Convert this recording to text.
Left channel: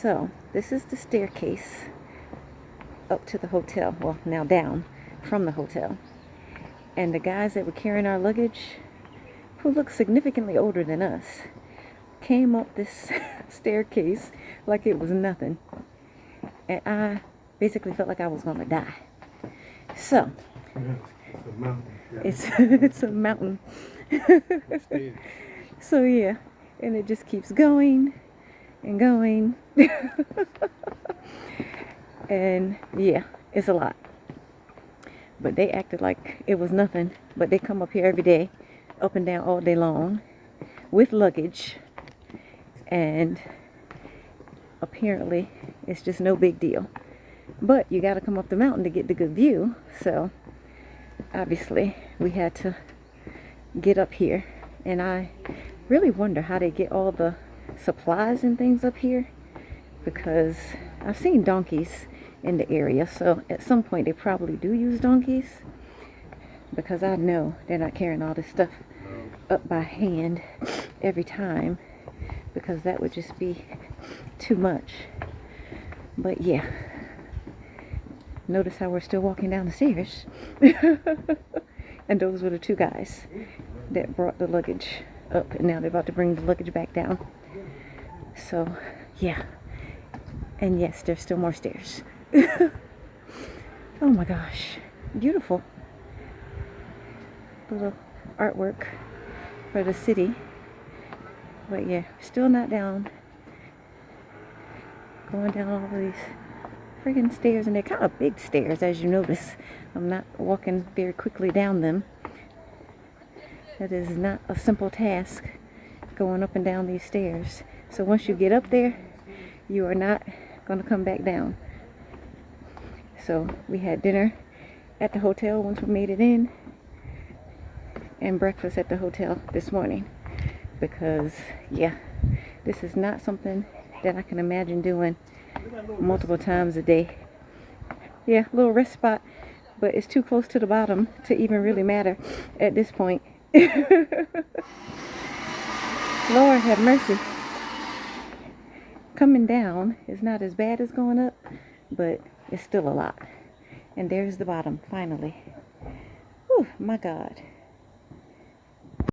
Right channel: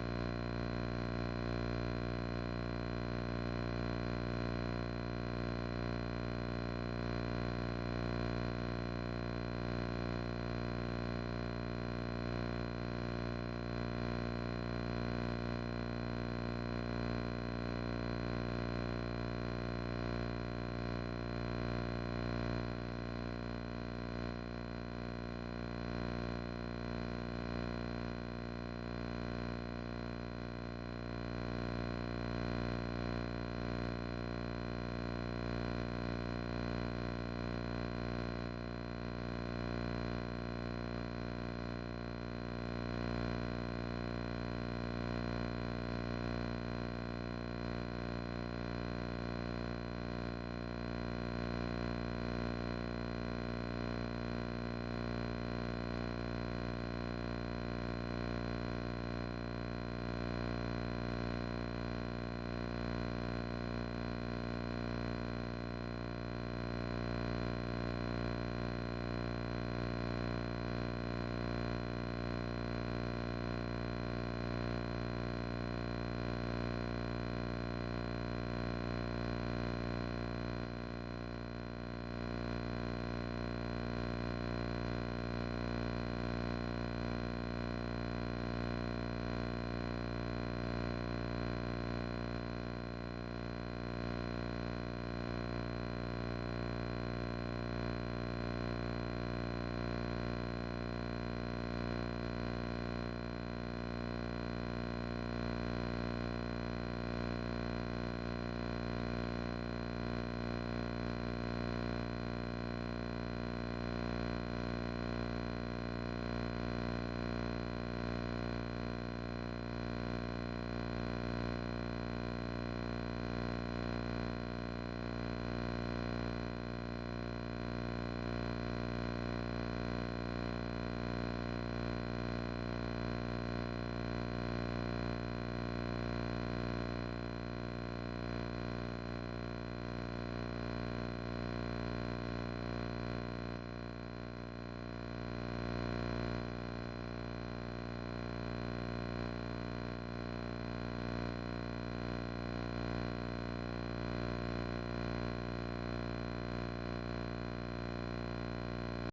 So, this is the staircase up to the hotel. Well, now down from the hotel. And the guys that were carrying our luggage, who looked significantly older than us, came up this staircase like it was nothing. And I basically felt like I was going to die. So, it's a mountain. So yeah, and it just keeps going and going. And yeah, it's a lot. But they acted like it was nothing. But they come up here every day, up and down all day long, with luggage. And apparently it's just no big deal. But you got to come up the mountain to get the good view. So obviously we had to get up here. And I really wonder how they get all the supplies and things up here, because I've seen donkeys in the area, so at some point they probably do use donkeys, because I know they're not carrying all this stuff up by hand every time, because that would just be too much. But yeah, notice how we're still walking down the stairs. And those were the two guys that brought the luggage up, and now they're about to bring the luggage back down. So yeah, and yes, there's still more stairs. Oh my gosh, beautiful little artwork for the city. But yeah, still not down, going down all these friggin' stairs, and they're kind of big stairs, as you notice. I'm not walking very quickly down them. It is not a simple task going up and down these stairs. So once you get up there, you are not going to come back down. So we had dinner at the hotel once we made it in, and breakfast at the hotel this morning, because yeah, this is not something that I can imagine doing multiple times a day. Yeah, a little rest spot, but it's too close to the bottom to even really matter at this point. Lord have mercy. Coming down is not as bad as going up, but it's still a lot. And there's the bottom, finally. Whew, my God.